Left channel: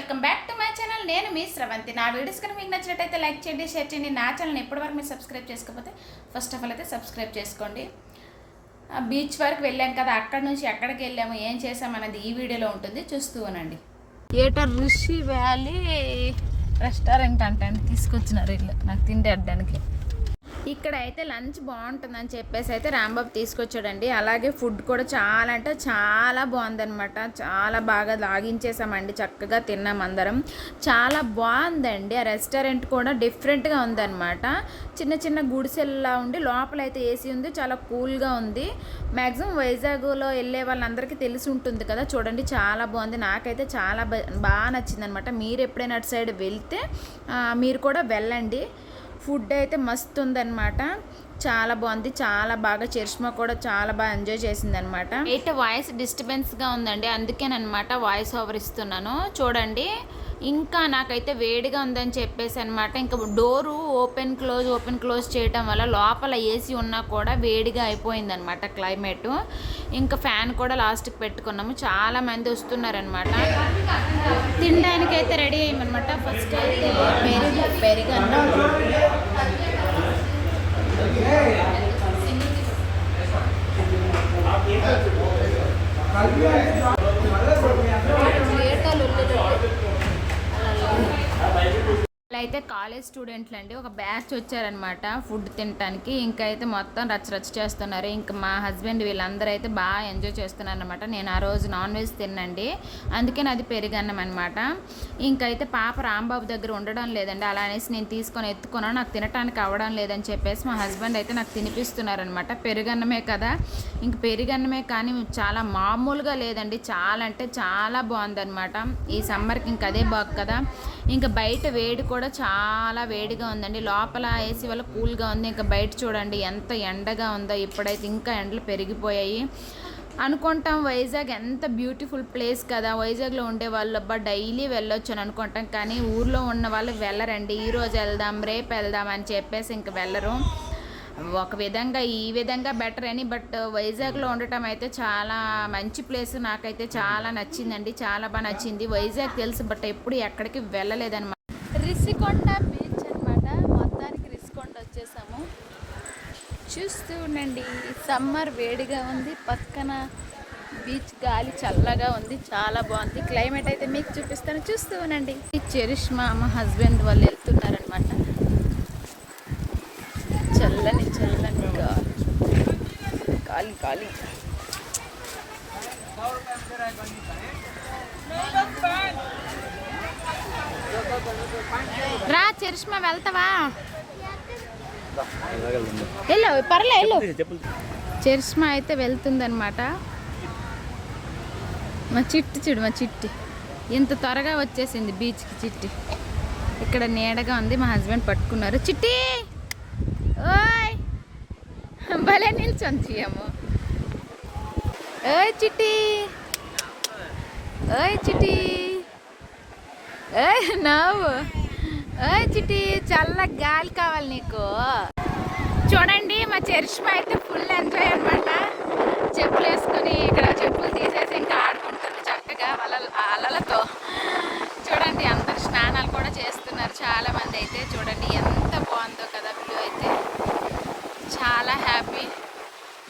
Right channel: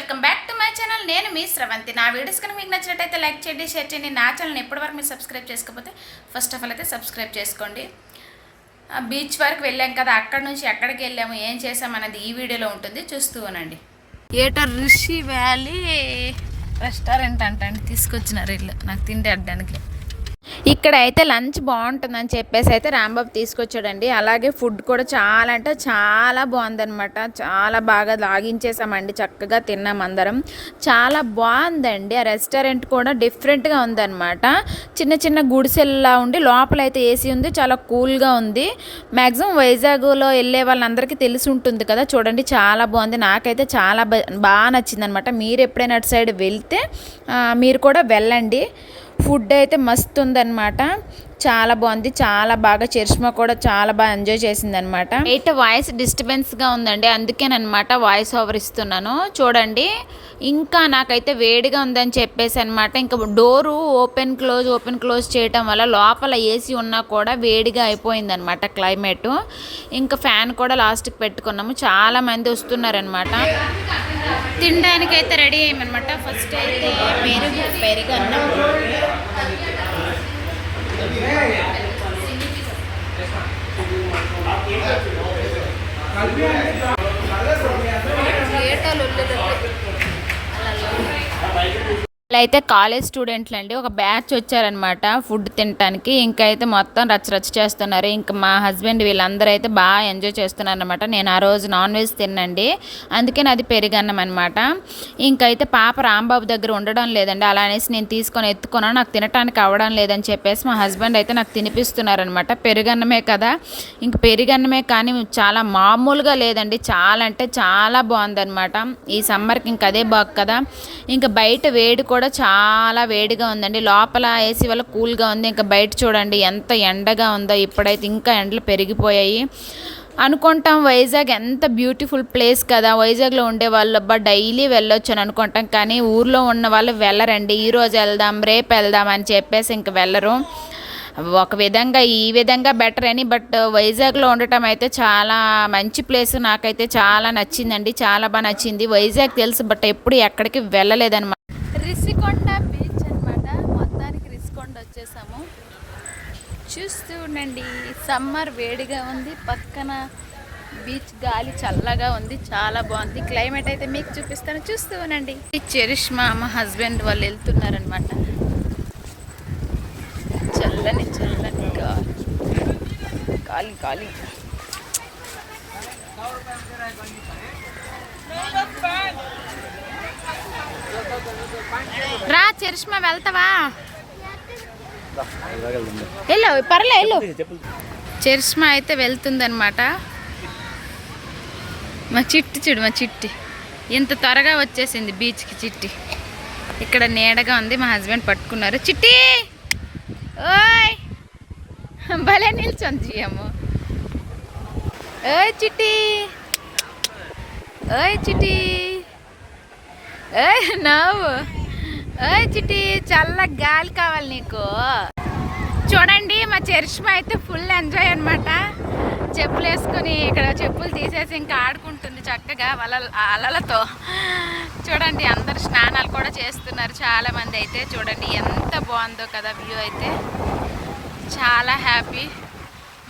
Welcome back to my channel. నేను మీ స్రవంతి. నా వీడియోస్ కనుక మీకు నచ్చినట్టయితే లైక్ చేయండి షేర్ చేయండి. నా ఛానల్ ఎప్పటివరకు మీరు సబ్స్క్రైబ్ చేసుకోకపోతే ఫస్ట్ ఆఫ్ ఆల్ అయితే సబ్స్క్రైబ్ చేసుకోండి. ఆ బీచ్ వరకు వెళ్ళాం కదా అక్కడ నుంచి ఎక్కడికి వెళ్ళాము ఏం చేసాం అనేది ఈ వీడియోలో ఉంటుంది. చూస్తూ ఉనండి ఏటర్ రిషి వ్యాలీ రెస్టారెంట్ అంటండి తీసుకొచ్చినారు ఇల్లు నాకు తిండి అడ్డానికి. ఇక్కడ అయితే లంచ్ బాగుంటుందని చెప్పేసి అయితే రాంబాబు తీసుకొచ్చాడండి. అలాగే ఫుడ్ కూడా చాలా అంటే చాలా బాగుందనమాట చాలా బాగా లాగించేసామండి. చక్కగా తిన్నాం అందరం. చాలా బాగుందండి. ఆ రెస్టారెంట్ కూడా డిఫరెంట్గా ఉందన్నమాట. చిన్న చిన్న గుడిసెల్లా ఉండి లోపల అయితే ఏసీ ఉంది. చాలా కూల్గా ఉంది. మ్యాక్సిమం వైజాగ్లో వెళ్ళే వాళ్ళందరికీ తెలిసి ఉంటుంది కదా. చూడండి చాలా బాగుంది. నాకైతే చాలా బాగా నచ్చింది అనమాట మీరు ఎప్పుడైనా అటు సైడ్ వెళ్తే మీరు కూడా వెళ్ళండి. ఫుడ్ అయితే మస్తు ఉందన్నమాట. చాలా బాగుంది. చాలా బాగా చరిష్మా కూడా చాలా బాగా ఎంజాయ్ చేసింది అనమాట ఎయిట్ వాయిస్ డిస్టర్బెన్స్గా ఉందండి. అందుకేనమాట వాయిస్ ఓవర్ ఇస్తున్నాను. చూడండి. ఇంకా నాకైతే వేడిగా ఉందని చెప్పేసి అనమాట ఇంకా door open close open close చేయటం వల్ల లోపల ఏసీ ఉన్నా కూడా వేడిగా అయిపోయింది అనమాట క్లైమేట్ ఇంకా ఫ్యాన్ కూడా లాస్ట్కి పెట్టుకున్నాము. చాలామంది వస్తున్నారనమాట తినడానికి అయితే రెడీ అయ్యమనమాట ఫస్ట్ అయితే పెరుగు పెరుగు అన్నం కలిపి అయితే కాలేజ్ స్టూడెంట్లు అండి ఒక బ్యాచ్ వచ్చారనమాట ఫుడ్ తినడానికి ఇంకా అయితే మొత్తం రచ్చ రచ్చ చేస్తున్నారు. ఇంకా మా హస్బెండ్ వీళ్ళందరూ అయితే బాగా ఎంజాయ్ చేస్తున్నారు అనమాట నేను ఆ రోజు నాన్ వెజ్ తిన్నండి. అందుకే నాది పెరుగన్నం అనమాట ఇంకైతే పాప రాంబాబు దగ్గర ఉండడం లేదండి. అలా అనేసి నేను తీసుకొని ఎత్తుకున్నాను నాకు తినడానికి అవ్వడం లేదని చెప్పేసి మా హస్బెండ్ అయితే నాకు తినిపిస్తున్నారనమాట. పెరుగన్నమే కదా. ఇంక పెరుగన్నమే కానీ చాలా మామూలుగా లేదండి. చాలా అంటే చాలా బాగుందనమాట. ఈ సమ్మర్కి ఇంక అదే బాగు కదా. ఇంకా బయట వేడి కూడా కూడా చాలా వేడిగా ఉందండి. లోపల ఏసీ వల్ల కూల్గా ఉంది. ఇంకా బయట చూడండి ఎంత ఎండగా ఉందో ఇప్పుడైతే ఇంకా ఎండలు పెరిగిపోయాయి. అనుకుంటాం వైజాగ్ ఎంత బ్యూటిఫుల్ ప్లేస్ కదా. వైజాగ్లో ఉండే వాళ్ళు అబ్బా డైలీ వెళ్ళొచ్చు అని అనుకుంటాం. కానీ ఊర్లో ఉన్న వాళ్ళు వెళ్ళరండి. ఈ రోజు వెళ్దాం రేపు వెళ్దాం అని చెప్పేసి ఇంక వెళ్ళరు. ఒక విధంగా ఈ విధంగా బెటర్ అని. బట్ వైజాగ్లో ఉండటం అయితే చాలా మంచి ప్లేస్. నాకైతే చాలా నచ్చిందండి. చాలా బాగా నచ్చింది. వైజాగ్ తెలుసు బట్ ఎప్పుడు ఎక్కడికి వెళ్ళలేదన్నమాట రిసికొండ బీచ్ అనమాట మొత్తానికి రిసికొండ వచ్చేసాము చూస్తూ ఉండండి. సమ్మర్ వేడిగా ఉంది. పక్కన బీచ్ గాలి చల్లగా ఉంది. చాలా బాగుంది. క్లైమేట్ అయితే మీకు చూపిస్తాను. చూస్తూ ఉండండి. ఈ చరిష్మా మా హస్బెండ్ వాళ్ళు వెళ్తున్నారనమాట చల్లని చల్లని గాలి గాలి. రా చెరిష్మా వెళ్తావా? వెళ్ళు పర్లే వెళ్ళు. చరిష్మా అయితే వెళ్తుందనమాట మా చిట్టి చూడు మా చిట్టి. ఇంత త్వరగా వచ్చేసింది బీచ్కి చిట్టి. ఇక్కడ నీడగా ఉంది మా హస్బెండ్ పట్టుకున్నారు. చిట్టి! ఓయ్! భలే నిల్చొని చెయ్యము ఓయ్ చిట్టి! ఓయ్ చిట్టి! ఓయ్ నవ్వు. చిట్టి చల్ల గాలి కావాలి నీకు. చూడండి మా చరిష్మా అయితే ఫుల్ ఎంజాయ్ అనమాట చెప్పులు వేసుకుని ఇక్కడ చెప్పులు తీసేసి ఇంకా ఆడుకుంటుంది చక్కగా వాళ్ళ అలలతో. చూడండి అందరు స్నానాలు కూడా చేస్తున్నారు చాలా మంది అయితే. చూడండి ఎంత బాగుందో కదా వ్యూ అయితే. చాలా హ్యాపీ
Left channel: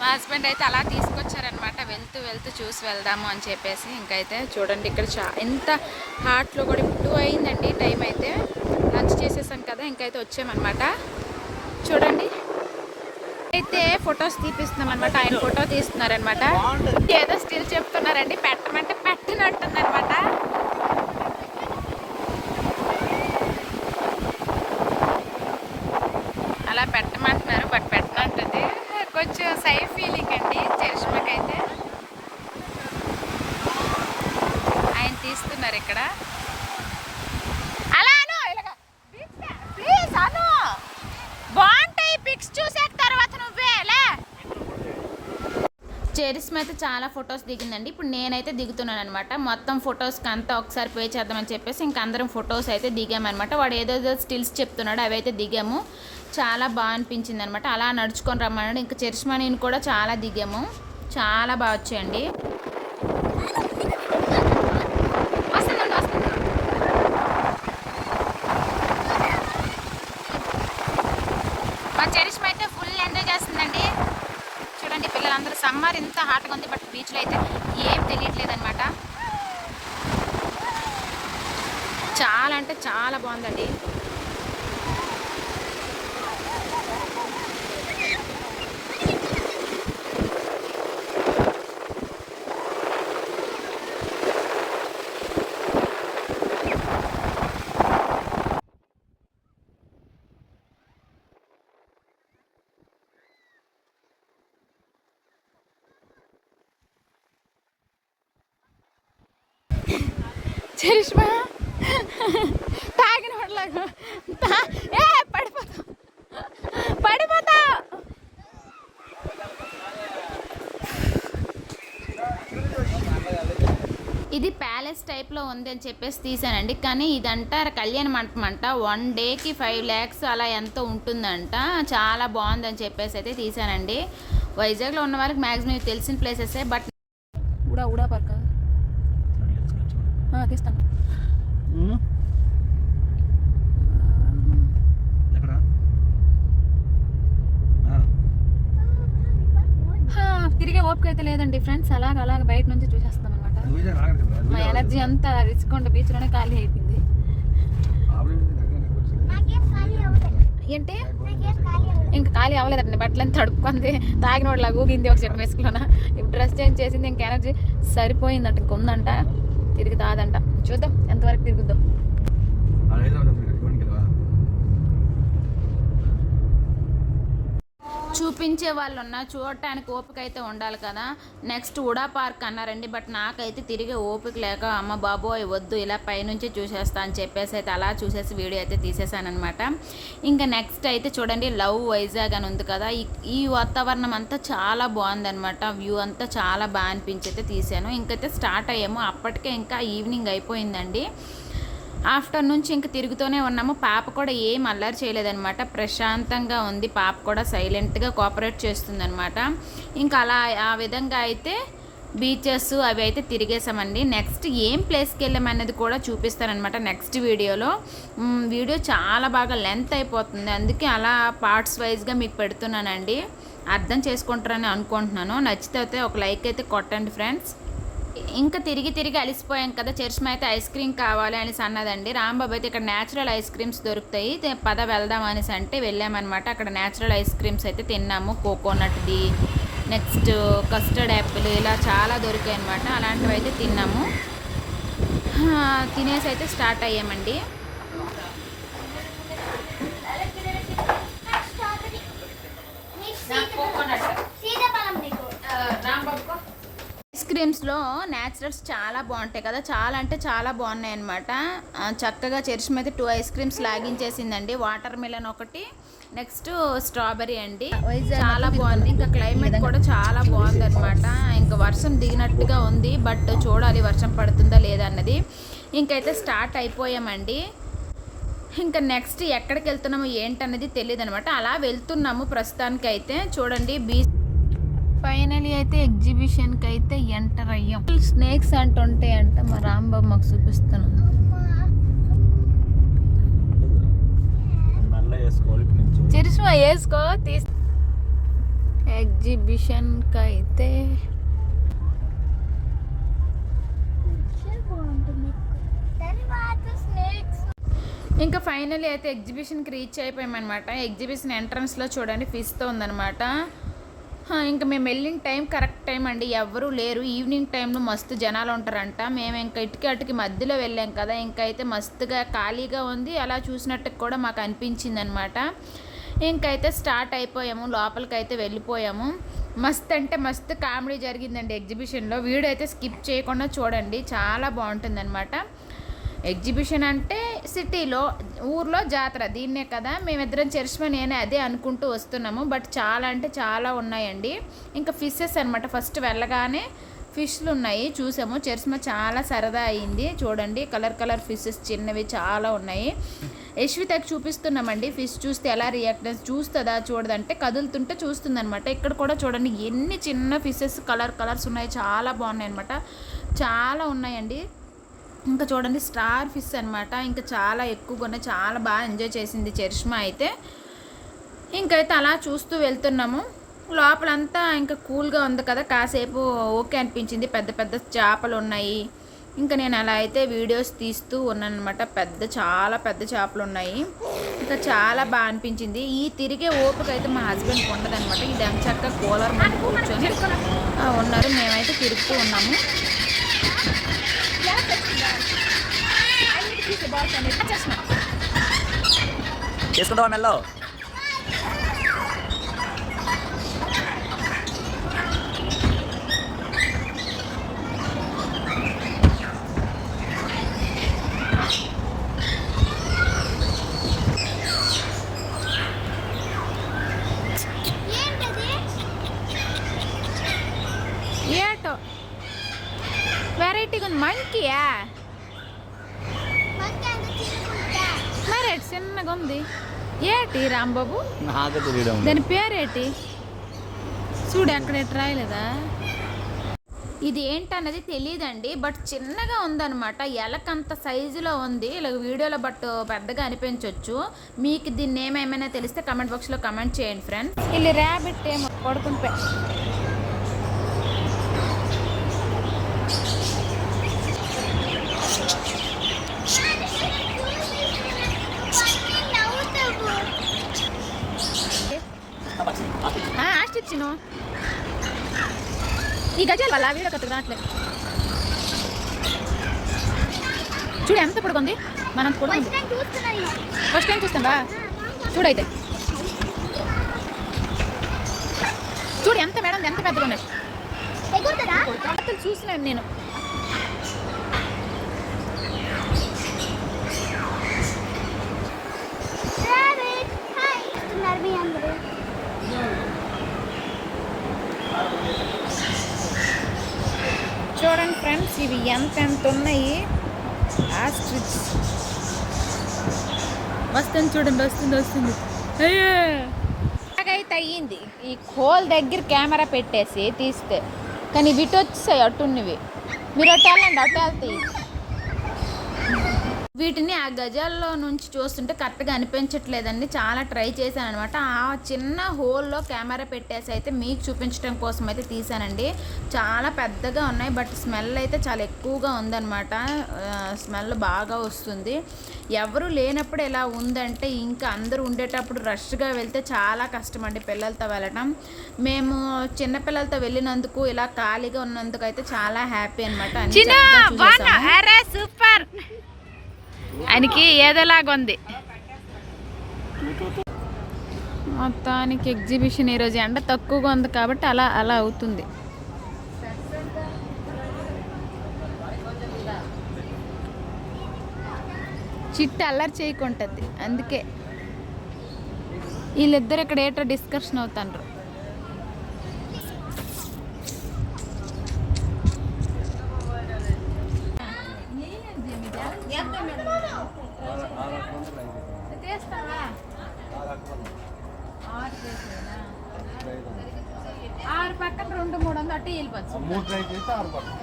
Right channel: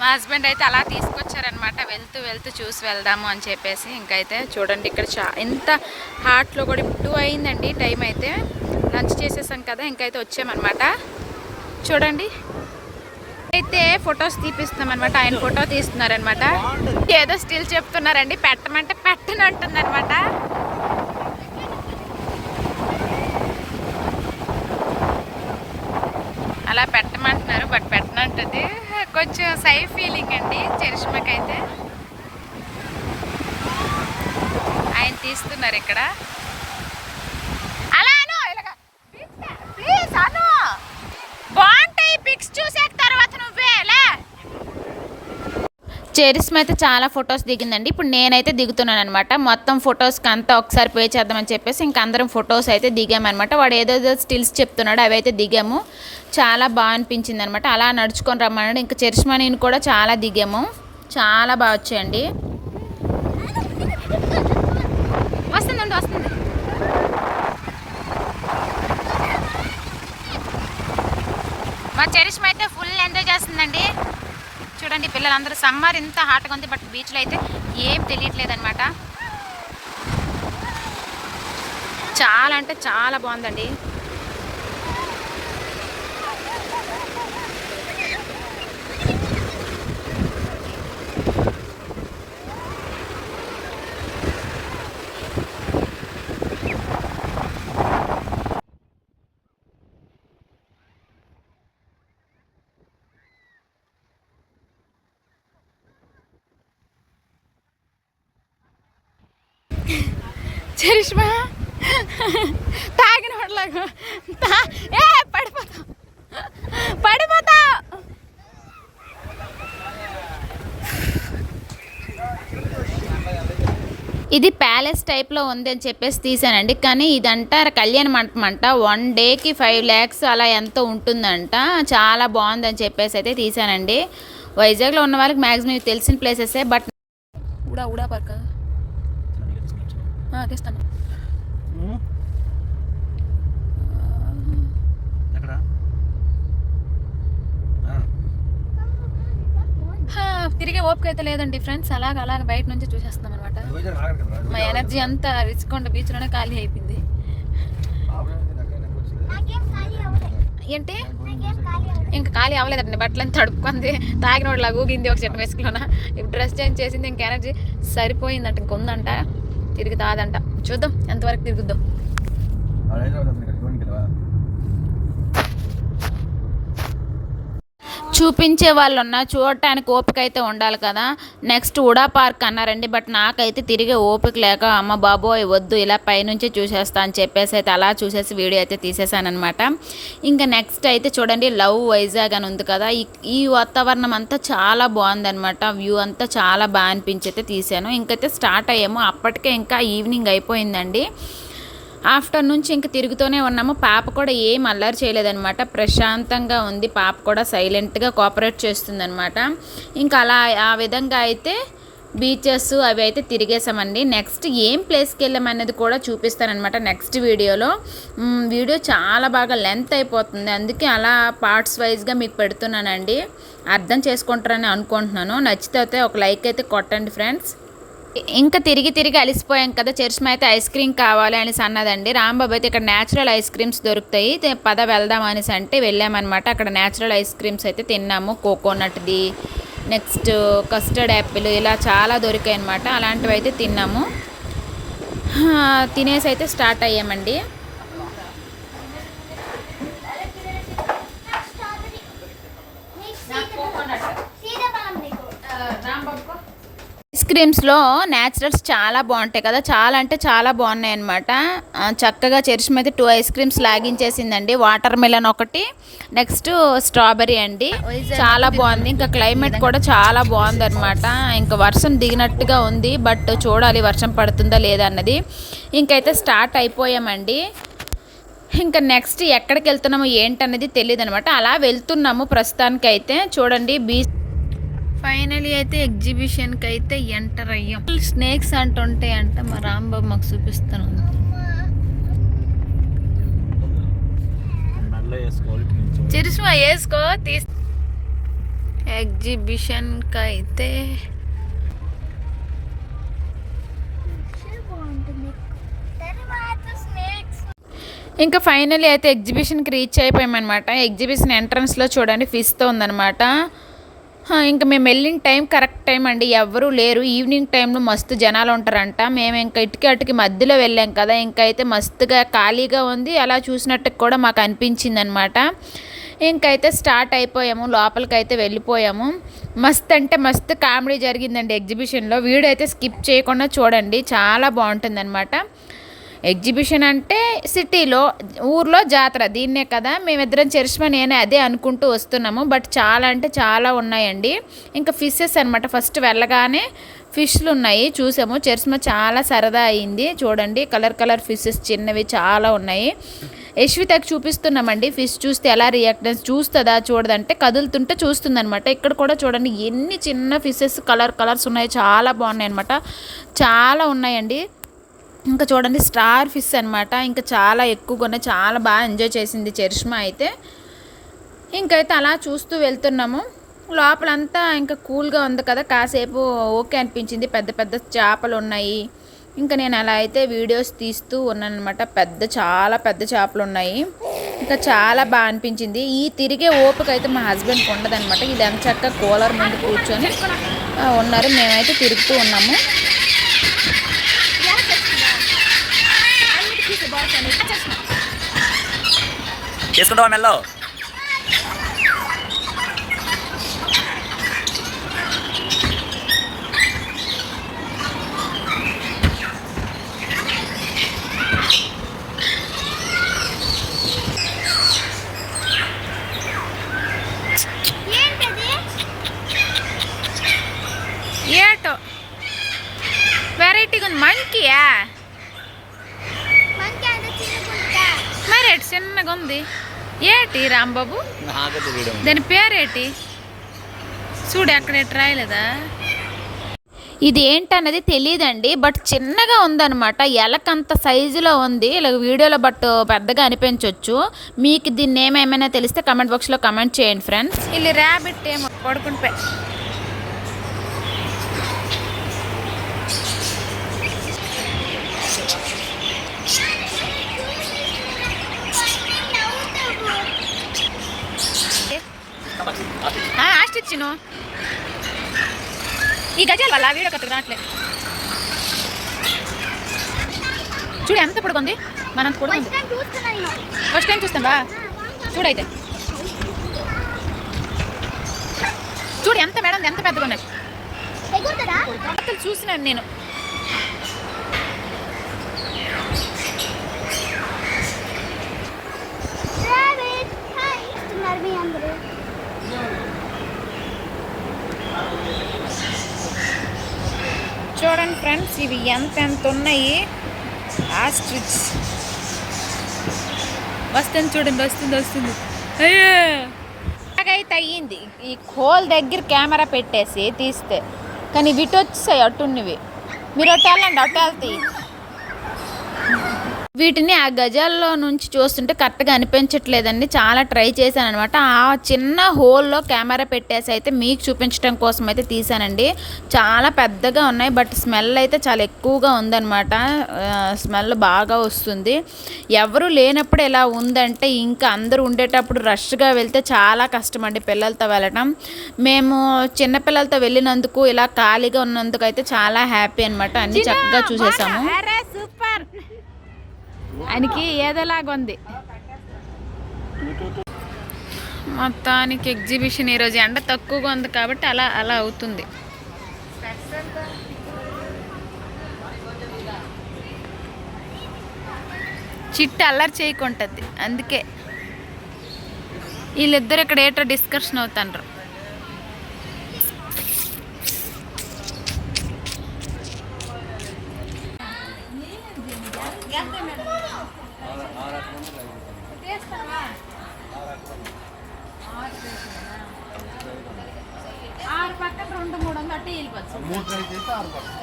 మా హస్బెండ్ అయితే అలా తీసుకొచ్చారనమాట వెళ్తూ వెళ్తూ చూసి వెళ్దాము అని చెప్పేసి. ఇంకైతే చూడండి ఇక్కడ చా ఎంత హాట్లో కూడా టూ అయిందండి టైం అయితే. లంచ్ చేసేసాం కదా ఇంకైతే వచ్చామన్నమాట. చూడండి. అయితే ఫొటోస్ తీపిస్తున్నాం అనమాట ఆయన ఫోటో తీస్తున్నారనమాట ఏదో స్టిల్ చెప్తున్నారండి పెట్టమంటే పెట్టను అంటుందన్నమాట అలా పెట్టమంటున్నారు బట్ పెట్టనంటుంది కొంచెం సై ఫీలింగ్ అండి చరిష్మకైతే. ఆయన తీస్తున్నారు ఇక్కడ. చెరీస్మ అయితే చాలా ఫొటోస్ దిగిందండి. ఇప్పుడు నేనైతే దిగుతున్నాను అనమాట మొత్తం ఫొటోస్కి అంతా ఒకసారి పే చేద్దామని చెప్పేసి ఇంక అందరం ఫొటోస్ అయితే దిగామనమాట వాడు ఏదేదో స్టిల్స్ చెప్తున్నాడో అవి అయితే దిగాము. చాలా బాగా అనిపించింది అనమాట అలా నడుచుకొని రమ్మన్నాడు. ఇంకా చెరిస్మా నేను కూడా చాలా దిగాము. చాలా బాగా వచ్చాయండి. మా చెరిస్మ అయితే ఫుల్ ఎంజాయ్ చేస్తుందండి. చూడండి పిల్లలందరూ సమ్మర్ ఇంత హాట్గా ఉంది బట్ బీచ్లో అయితే ఏం తెలియట్లేదు అనమాట చాలా అంటే చాలా బాగుందండి. చరిష్మా? తాగిన వాళ్ళకు ఏ పడిపోతా. పడిపోతా. ఇది ప్యాలెస్ టైప్లో ఉంది అని చెప్పేసి తీసానండి. కానీ ఇదంట కళ్యాణ మంటపం అంట. వన్ డేకి ఫైవ్ ల్యాక్స్ అలా ఎంతో ఉంటుందంట. చాలా బాగుందని చెప్పేసి అయితే తీసానండి. వైజాగ్లో ఉన్న వాళ్ళకి మ్యాక్సిమం తెలిసిన ప్లేసెసే బట్ ఉడా ఉడా పక్క తీస్తాను ఎక్కడ హా, తిరిగే ఓపిక అయితే లేదండి ఫ్రెండ్స్ అలాగ అలాగ బయట నుంచి చూసేస్తున్నాం అనమాట మా ఎనర్జీ అంతా రిచ్కొండ బీచ్లోనే ఖాళీ అయిపోయింది. ఏంటి? ఇంకా ఖాళీ అవ్వలేదండి బట్టలని తడుపుకుంది తాగిన వాళ్ళ ఊగింది ఒక చెట్టు వేసుకులోన ఇప్పుడు డ్రెస్ చేంజ్ చేసింది ఇంకా ఎనర్జీ సరిపోయిందంట ఇంక ఉందంట. తిరుగుతాదంట. చూద్దాం ఎంతవరకు తిరుగుద్దాం. చూపించే వాళ్ళు ఉన్నా చూడటానికి ఓపిక అయితే ఉండాలి కదా. నెక్స్ట్ ఉడా పార్క్ అన్నారండి బట్ నాకైతే తిరిగే ఓపిక లేక అమ్మ బాబోయ్ వద్దు ఇలా పైనుంచి చూసేస్తా అని చెప్పేసి అయితే అలా చూసేసి వీడియో అయితే తీసేసానమాట ఇంకా నెక్స్ట్ అయితే చూడండి లవ్ వైజాగ్ అని ఉంది కదా. ఈ ఈ వాతావరణం అంతా చాలా బాగుందనమాట వ్యూ అంతా చాలా బాగా అనిపించి అయితే తీసాను. ఇంకైతే స్టార్ట్ అయ్యాము అప్పటికే ఇంకా ఈవినింగ్ అయిపోయిందండి. ఆఫ్టర్ నుంచి ఇంక తిరుగుతూనే ఉన్నాము. పాప కూడా ఏం అల్లరి చేయలేదన్నమాట. ప్రశాంతంగా ఉంది. పాప కూడా సైలెంట్గా కోఆపరేట్ చేస్తుందన్నమాట. ఇంకా అలా ఆ విధంగా అయితే బీచెస్ అవి అయితే తిరిగేసామండి నెక్స్ట్ ఏం ప్లేస్కి వెళ్ళామనేది కూడా చూపిస్తానమాట నెక్స్ట్ వీడియోలో. వీడియో చాలా బాగా లెంత్ అయిపోతుంది. అందుకే అలా పార్ట్స్ వైజ్గా మీకు పెడుతున్నానండి. అర్థం చేసుకుంటారని అనుకుంటున్నాను. నచ్చితే అయితే ఒక లైక్ అయితే కొట్టండి ఫ్రెండ్స్. ఇంకా తిరిగి తిరిగి అలిసిపోయాం కదా చర్చ్ అయితే ఐస్ క్రీమ్ కావాలి అనేసి అన్నదండి. రాంబాబు అయితే ఇక్కడ న్యాచురల్ ఐస్ క్రీమ్స్ దొరుకుతాయి. పద వెళ్దాం అనేసి అంటే వెళ్ళామన్నమాట. అక్కడ న్యాచురల్ ఐస్ క్రీమ్స్ అయితే తిన్నాము. కోకోనట్ది నెక్స్ట్ కస్టర్డ్ యాపిల్ ఇలా చాలా దొరికాయి అనమాట అలాంటివి అయితే తిన్నాము తినేసి అయితే స్టార్ట్ అయ్యామండి. ఐస్ క్రీమ్స్లో న్యాచురల్స్ చాలా బాగుంటాయి కదా. చాలా అంటే చాలా బాగున్నాయి అనమాట చక్కగా చరిష్మ అయితే టూ ఐస్ క్రీమ్స్ లాగించేసిందండి. వాటర్ మిలన్ ఒకటి నెక్స్ట్ స్ట్రాబెరీ అండి. చాలా బాగుంది ఇంకా క్లైమేట్ కూడా చాలా బాగుంది అనమాట ఇంకా వర్షం దిగినట్టుగా ఉంది బట్ చూడాలి వర్షం పడుతుందా లేదా అన్నది. ఇంకైతే స్టార్ట్ అయిపోయామండి. ఇంకా నెక్స్ట్ ఎక్కడికి వెళ్తున్నాము ఏంటన్నది తెలియదు అనమాట అలా వెళ్తున్నాము ప్రస్తుతానికి అయితే చూడండి బీచ్ ఫైనలీ అయితే ఎగ్జిబిషన్కి అయితే ఎంటర్ అయ్యాం. స్నేక్స్ అంటుంటాయి అంట మా రాంబాబు మాకు చూపిస్తాను చిరుసుమా వేసుకో తీస్. ఎగ్జిబిషన్కి అయితే ఇంకా ఫైనలీ అయితే ఎగ్జిబిషన్కి రీచ్ అయిపోయామన్నమాట. ఎగ్జిబిషన్ ఎంట్రన్స్లో చూడండి ఫిష్తో ఉందన్నమాట. ఇంకా మేము వెళ్ళిన టైం కరెక్ట్ టైం అండి. ఎవరూ లేరు. ఈవినింగ్ టైంలో మస్తు జనాలు ఉంటారంట. మేము ఇంకా ఇటుకి అటుకి మధ్యలో వెళ్ళాం కదా. ఇంకా అయితే మస్తుగా ఖాళీగా ఉంది. అలా చూసినట్టు కూడా మాకు అనిపించింది అనమాట ఇంకైతే స్టార్ట్ అయిపోయాము. లోపలికి అయితే వెళ్ళిపోయాము. మస్త్ అంటే మస్తు కామెడీ జరిగిందండి ఎగ్జిబిషన్లో. వీడియో అయితే స్కిప్ చేయకుండా చూడండి. చాలా బాగుంటుందన్నమాట ఎగ్జిబిషన్ అంటే సిటీలో ఊర్లో జాతర. దీన్నే కదా మేమిద్దరం చరిష్మా నేనే అదే అనుకుంటూ వస్తున్నాము. బట్ చాలా అంటే చాలా ఉన్నాయండి. ఇంకా ఫిషెస్ అనమాట ఫస్ట్ వెళ్ళగానే ఫిష్లు ఉన్నాయి చూసాము. చరిష్మా చాలా సరదా అయింది. చూడండి కలర్ కలర్ ఫిషెస్ చిన్నవి చాలా ఉన్నాయి. యశ్వితకి చూపిస్తున్నామండి. ఫిష్ చూస్తే ఎలా రియాక్టెన్స్ చూస్తుందా చూడదంటే కదులుతుంటే చూస్తుందనమాట ఇక్కడ కూడా చూడండి ఎన్ని చిన్న ఫిషెస్ కలర్ కలర్స్ ఉన్నాయి. చాలా బాగున్నాయి అనమాట చాలా ఉన్నాయండి. ఇంకా చూడండి స్టార్ ఫిష్ అనమాట ఇంకా చాలా ఎక్కువగా ఉన్నాయి. చాలా బాగా ఎంజాయ్ చేసింది చరిష్మా అయితే. ఇంకైతే అలా చూస్తూ వెళ్తున్నాము. లోపలంతా ఇంకా కూల్గా ఉంది కదా. కాసేపు ఓకే అనిపించింది. పెద్ద పెద్ద చేపలు ఉన్నాయి. ఇంకా నేను అలా అయితే వీడియోస్ తీస్తూ ఉన్నాను అనమాట పెద్ద చాలా పెద్ద చేపలు ఉన్నాయి. ఇంకా చాలా బాగా అనిపించింది. ఈ తిరిగే ఓపిక అయితే మా హస్బెండ్కి ఉండదనమాట ఇది చక్క కూలర్ ముందు కూర్చొని ఉన్నారు. మేమైతే తిరుగుతూ ఉన్నాము. చేసుకుంటావా మెల్లో ఏటో వెరైటీగా ఉంది మంకీయా పేరేటి చిన్నగా ఉంది. ఏటి రాంబాబు? దాని పేరేటి చూడు అక్కడ రాయలేదా ఇది ఏంటన్నది తెలియదండి బట్ చిన్నగా ఉందనమాట ఎలకంత సైజులో ఉంది. ఇలా వీడియోలో బట్ పెద్దగా అనిపించవచ్చు మీకు దీన్ని ఏమేమైనా తెలిస్తే కమెంట్ బాక్స్లో కమెంట్ చేయండి ఫ్రెండ్స్ వీళ్ళు ర్యాబిట్ ఏమో పడుకుంటే ఆస్టిచ్చిను ఈ గజాల వల్ల వీడియో కట్టుకు రావట్లేదు చూడు ఎంత పొడుగుంది మనంత పొడుగుంది ఫస్ట్ టైం చూస్తావా చూడైతే. చూడు ఎంత మేడం ఎంత పెద్దగా ఉన్నాయి చూసినాను నేను. చూడండి ఫ్రెండ్స్ ఇవి ఎంత ఎంత ఉన్నాయి. ఆస్ట్రిచ్ వస్తుంది చూడండి వస్తుంది వస్తుంది. అయ్యే! అలాగైతే అయ్యింది. ఈ కోల్ దగ్గర కెమెరా పెట్టేసి తీస్తే. కానీ వీటి వచ్చేసాయి అట్టున్నవి మీరు అట్టు వెళ్ళండి అట్టు వెళ్తాయి వీటిని ఆ గజాల్లో నుంచి చూస్తుంటే కరెక్ట్గా అనిపించట్లేదండి. చాలా ట్రై చేశాను అనమాట ఆ చిన్న హోల్లో కెమెరా పెట్టేసి అయితే మీకు చూపించడం కోసం అయితే తీసానండి చాలా పెద్దగా ఉన్నాయి బట్ స్మెల్ అయితే చాలా ఎక్కువగా ఉందన్నమాట. స్మెల్ బాగా వస్తుంది. ఎవరు లేనప్పుడు ఎలా ఉందంటే ఇంకా అందరూ ఉండేటప్పుడు రష్గా వెళ్తే చాలా కష్టం అండి పిల్లలతో వెళ్ళటం. మేము చిన్నపిల్లలతో వెళ్ళినందుకు ఇలా ఖాళీగా ఉన్నందుకు అయితే చాలా హ్యాపీ అనమాట అన్ని చక్కగా చూసేసాము. సూపర్! ఆయనకి ఏదోలాగా ఉంది. మొత్తానికి ఎగ్జిబిషన్ ఈరోజు ఎండ తక్కువగా ఉంది కాబట్టి అలా అలా అవుతుంది. చిట్టు అల్లరి చేయకుంటుంది అందుకే. వీళ్ళిద్దరు ఇక్కడ ఏటో డిస్కషన్ అవుతాండ్రు. మూడు వందలు అట్టే వెళ్ళిపోవచ్చు మూడు ట్రై చేస్తే ఆరు పక్కన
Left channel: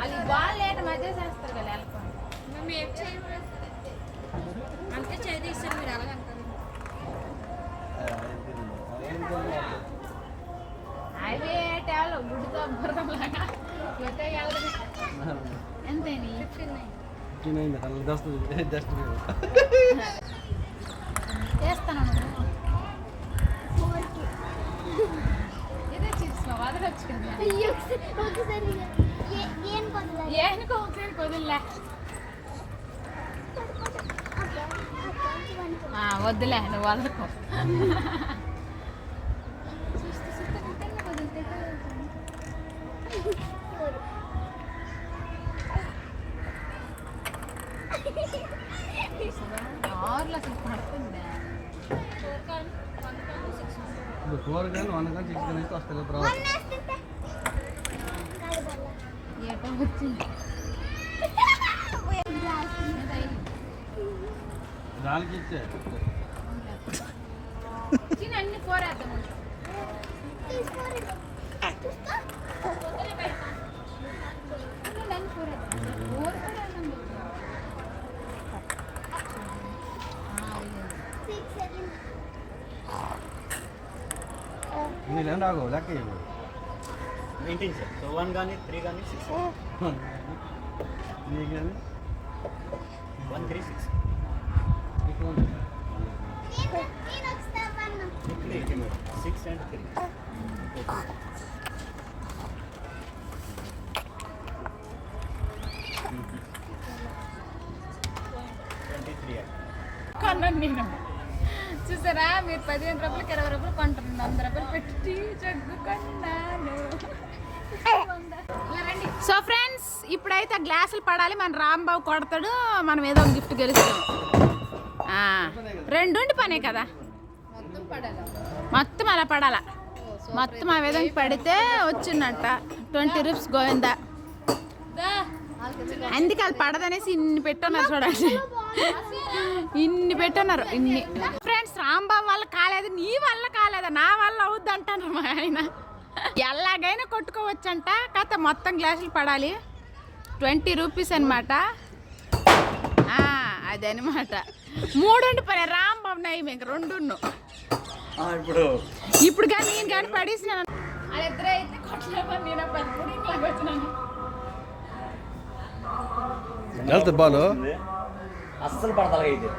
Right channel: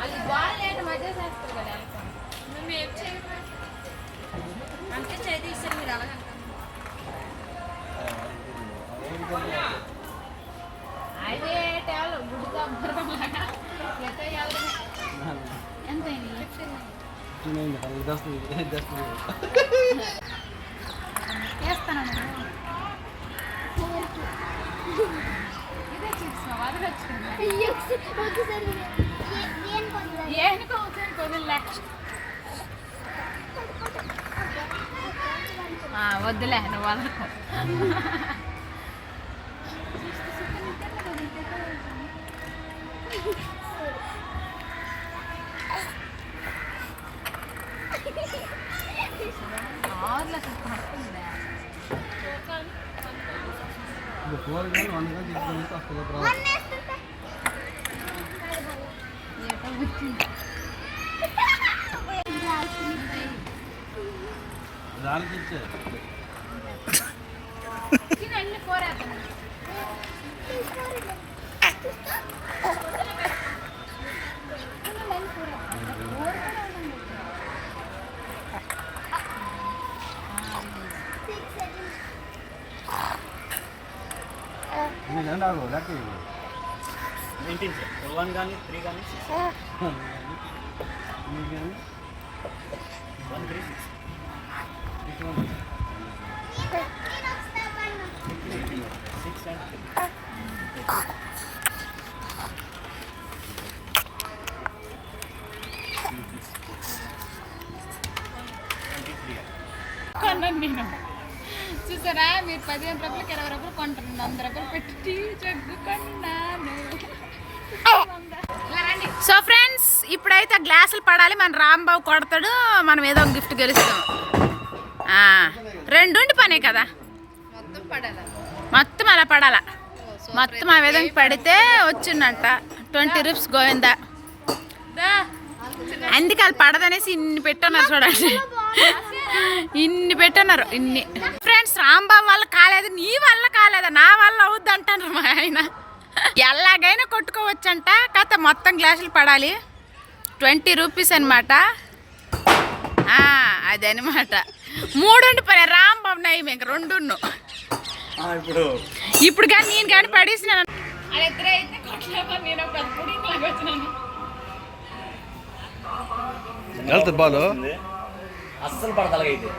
అది బాల్ లేక మధ్య చేస్తారు కదా వెళ్ళకుండా అదే ఎంత వద్దులే నువ్వు వదలకు ఆరులో అసలు పడుతుందా కూరగాయలు వండగా తీసుకొని వస్తుంది తర్వాత ఏటో వచ్చింది దానికి ఇచ్చే తిను అన్ని కోరేద్దాం ఇది రెండు ఆగు లెక్క ఇవ్వు నైన్టీన్ సార్ వన్ కానీ త్రీ కానీ సిక్స్ నీకు ఏమి? వన్ త్రీ సిక్స్ ఇటు ఉంది. Six and three twenty three కొన్నాను నేను చూసారా? మీరు పదిహేను రూపాయలకి ఇరవై రూపాయలు కొంటారు వంద రూపాయలు పెట్టి జగ్గు కొన్నాను. సో ఫ్రెండ్స్ ఇప్పుడైతే గ్లాసులు పడాలి. మన రాంబాబు కొడతాడు. మనం ఏదో ఒక గిఫ్ట్ గెలుస్తాం. ఆ, రెండుండి పనే కదా. మొత్తం అలా పడాలా? మొత్తం ఆ విధంగా పడితే వచ్చిందంట. Twenty rupees Govinda. అందుకే అది పడదనేసి ఇన్ని పెట్టున్నారు చూడండి. ఇన్ని పెట్టున్నారు ఇన్ని. ఫ్రెండ్స్ రాంబాబు వల్ల కాలేదు నీ వల్ల కాలేదా? నా వల్ల అవుద్ది అంటాను మా ఆయన. ఎలాగైనా కొట్టుకోవచ్చంట కాకపోతే మొత్తం గ్లాసులు పడాలి. ట్వంటీ రూపీస్ అనమాట అదనమాట మూడు పని రాంబాబు నయ్యం ఇంక రెండున్ను ఇప్పుడు. కానీ నేను కానీ పడేసినాను వాళ్ళిద్దరే అయితే కొట్టలేమో నేను ఒక పుడింగ్ లాగా వచ్చినాను. వెళ్తుంది బాలు. అస్సలు ఇది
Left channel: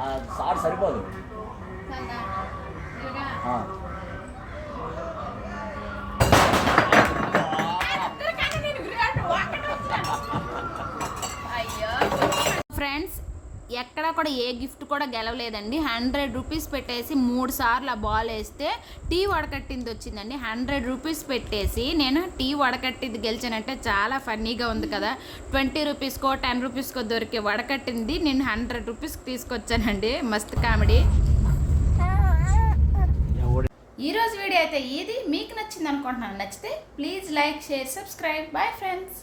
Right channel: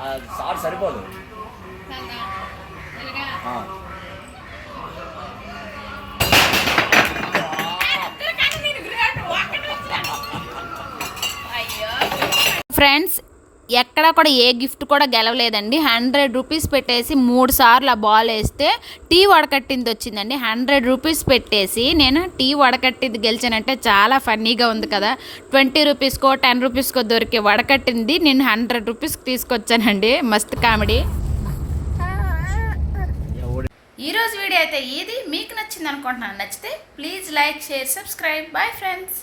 ఆ సార్ సరిపోదు. ఆ. ఫ్రెండ్స్ ఎక్కడ కూడా ఏ గిఫ్ట్ కూడా గెలవలేదండి. హండ్రెడ్ రూపీస్ పెట్టేసి మూడు సార్లు ఆ బాల్ వేస్తే టీ వడకట్టింది వచ్చిందండి. హండ్రెడ్ రూపీస్ పెట్టేసి నేను టీ వడకట్టింది గెలిచానంటే చాలా ఫన్నీగా ఉంది కదా. ట్వంటీ రూపీస్కో టెన్ రూపీస్కో దొరికే వడకట్టింది నేను హండ్రెడ్ రూపీస్కి తీసుకొచ్చానండి. మస్తు కామెడీ. ఈరోజు వీడియో అయితే ఇది. మీకు నచ్చింది అనుకుంటున్నాను నచ్చితే please like share subscribe. Bye friends.